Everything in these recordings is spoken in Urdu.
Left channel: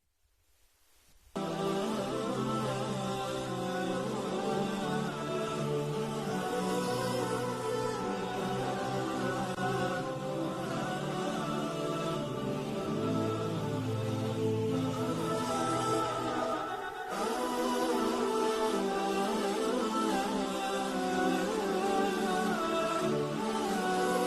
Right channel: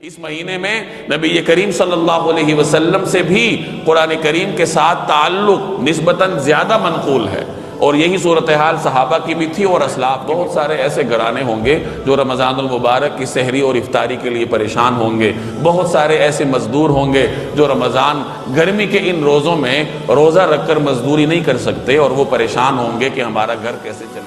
اس مہینے میں نبی کریم صلی اللہ علیہ وسلم سے بھی قرآن کریم کے ساتھ تعلق نسبتاً زیادہ منقول ہے، اور یہی صورتحال صحابہ کی بھی تھی اور اسلاف کی۔ بہت سارے ایسے گھرانے ہوں گے جو رمضان المبارک کی سحری اور افطاری کے لیے پریشان ہوں گے، بہت سارے ایسے مزدور ہوں گے جو رمضان گرمی کے ان روزوں میں روزہ رکھ کر مزدوری نہیں کر سکتے، اور وہ پریشان ہوں گے کہ ہمارا گھر کیسے چلے گا۔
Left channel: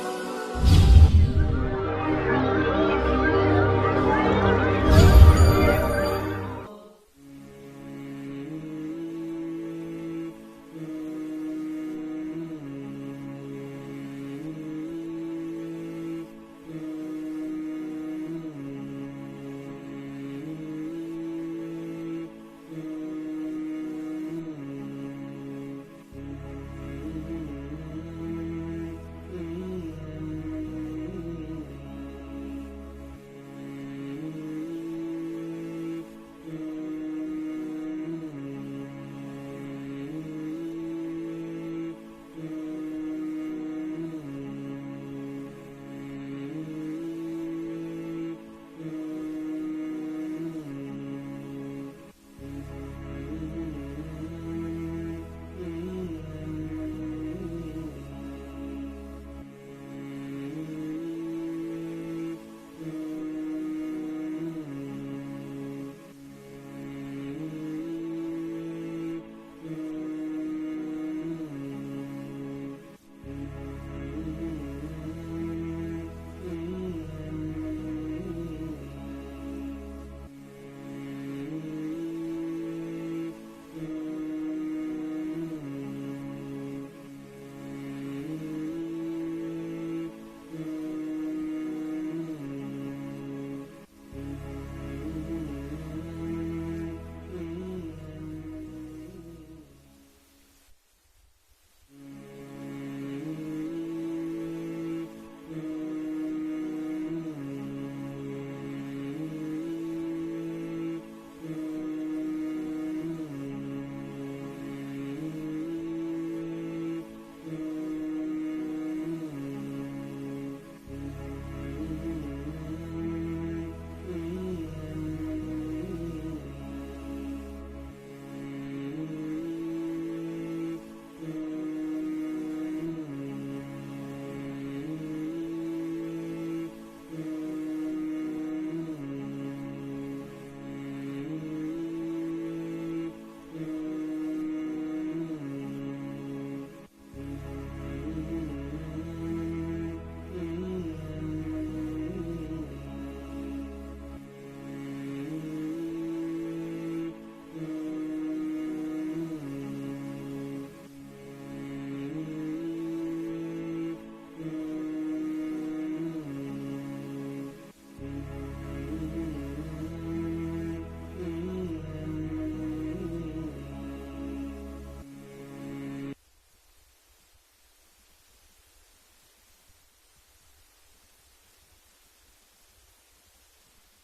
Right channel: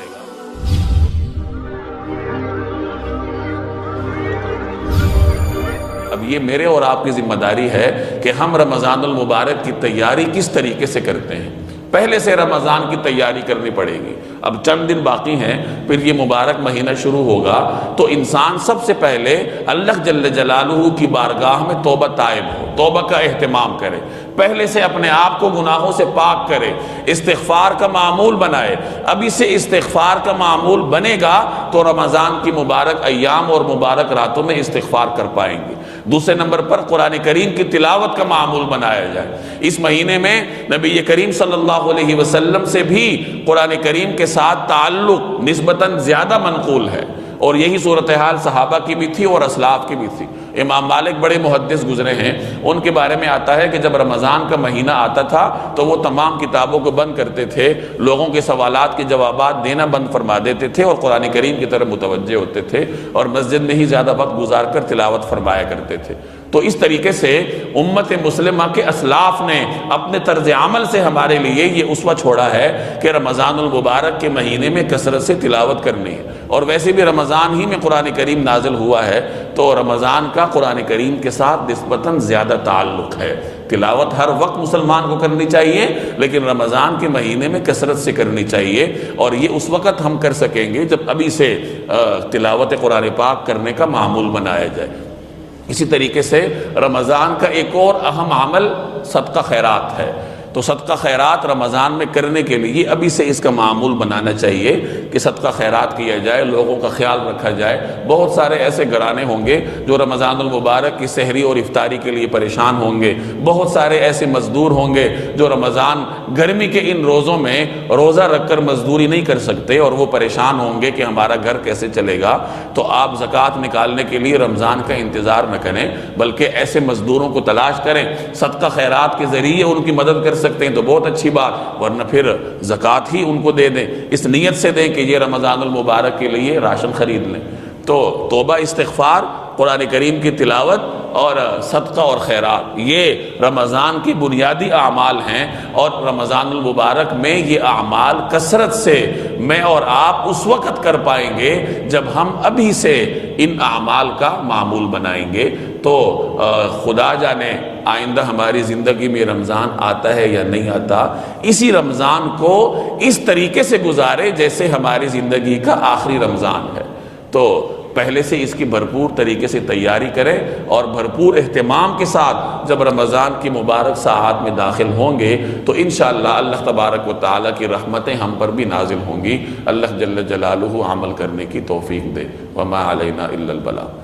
یہ میرے اور آپ کی ذمہ داری ہے کہ ہم رمضان المبارک کی تیاری کس طریقے سے کرتے ہیں۔ پہلے سے رمضان کی تیاری کرنی پڑے گی، اب چند دن باقی ہیں پھر یہ مبارک مہینہ شروع ہوگا، تو انسان سب سے پہلے اللہ جل جلالہ کی بارگاہ میں توبہ طائب ہو، توبہ کا اہتمام کرے، پہلے سے اپنے آپ کو گناہوں سے پاک کرے، استغفار کا معمول بنائے۔ ابھی سے استغفار کا معمول بنے گا تو رمضان کی مبارک ایام اور مبارک راتوں میں استغفار کر پائیں گے۔ دوسرے نمبر پر قرآن کریم کی تلاوت کا معمول بنایا جائے۔ اس مہینے میں نبی کریم صلی اللہ علیہ وسلم سے بھی قرآن کریم کے ساتھ تعلق نسبتاً زیادہ منقول ہے، اور یہی صورتحال صحابہ کی بھی تھی اور اسلاف کی بھی تھی۔ امام مالک بڑے محدث گزرے ہیں، ان کے بارے میں آتا ہے کہ جب رمضان کا مہینہ آتا تھا تو وہ تمام کتابوں کو بند کرتے تھے، لوگوں کے سوالات کے جوابات دینا بند فرما دیتے تھے اور قرآن کریم کی طرف متوجہ ہوتے تھے، اور مسجد میں ہی زیادہ وقت گزار کر تلاوت فرمایا کرتے تھے۔ تو اس طریقے سے امت مسلمہ کے اسلاف نے اپنے طرز عمل سے ہمارے لیے یہ اسوہ چھوڑا ہے کہ رمضان المبارک کے مہینے میں کثرت سے تلاوت کرنی ہے، اور ویسے بھی رمضان ہی میں قرآن کریم نازل ہوا ہے، تو رمضان کا قرآن کریم کے ساتھ نسبتاً زیادہ تعلق ہے۔ تلاوت ہر وقت مسلمان کو کرنی چاہیے، لیکن رمضان کے مہینے میں کثرت سے کرنی چاہیے، اور یہ اس وقت ہم کر سکیں گے جب ابھی سے تلاوت قرآن پاک کرنے کا معمول بنایا جائے۔ اسی طریقے سے رمضان کا ایک اور اہم عمل صدقہ خیرات ہے، تو صدقہ خیرات رمضان میں کرنے کے لیے ابھی سے اس کا معمول بنانا چاہیے کہ صدقہ خیرات کیا جائے، لوگوں کا خیال رکھا جائے۔ بہت سارے ایسے گھرانے ہوں گے جو رمضان المبارک کی سحری اور افطاری کے لیے پریشان ہوں گے، بہت سارے ایسے مزدور ہوں گے جو رمضان گرمی کے ان روزوں میں روزہ رکھ کر مزدوری نہیں کر سکتے، اور وہ پریشان ہوں گے کہ ہمارا گھر کیسے چلے گا۔ تو آپ زکوٰۃ نکالنے کے لیے رمضان کا انتظار نہ کریں، بلکہ ایسے مزدوروں کو تلاش کریں، صدقہ خیرات کے ذریعے ان کی مدد کر سکتے ہیں تو بہت اچھی بات، ورنہ پھر زکوٰۃ ہی ان کو دے دیں، اس نیت سے دیں کہ یہ رمضان المبارک کے لیے راشن خرید لیں۔ تو توبہ، استغفار، قرآن کریم کی تلاوت اور صدقہ اور خیرات، یہ رمضان کی بنیادی اعمال ہیں، اور رمضان المبارک میں یہ اعمال کثرت سے میں اور آپ اس وقت کر پائیں گے جب ہم ابھی سے ان اعمال کا معمول بنائیں گے۔ تو خدا جانے آئندہ ہماری زندگی میں رمضان آتا ہے یا نہیں آتا، اسی رمضان کو اس طریقے سے گزارے جیسے ہماری زندگی کا آخری رمضان ہے۔ تو پہلے سے اس کی بھرپور طریقے سے تیاری کریں، اور بھرپور اہتمام کے ساتھ جب رمضان کی مبارک ساعات میں داخل ہوں گے تو انشاءاللہ اللہ تبارک و تعالیٰ کی رحمتیں ہم پر بھی نازل ہوں گی۔ اللہ جل جلالہ عمل کرنے کی توفیق دے۔ وما علینا الا البلاغ۔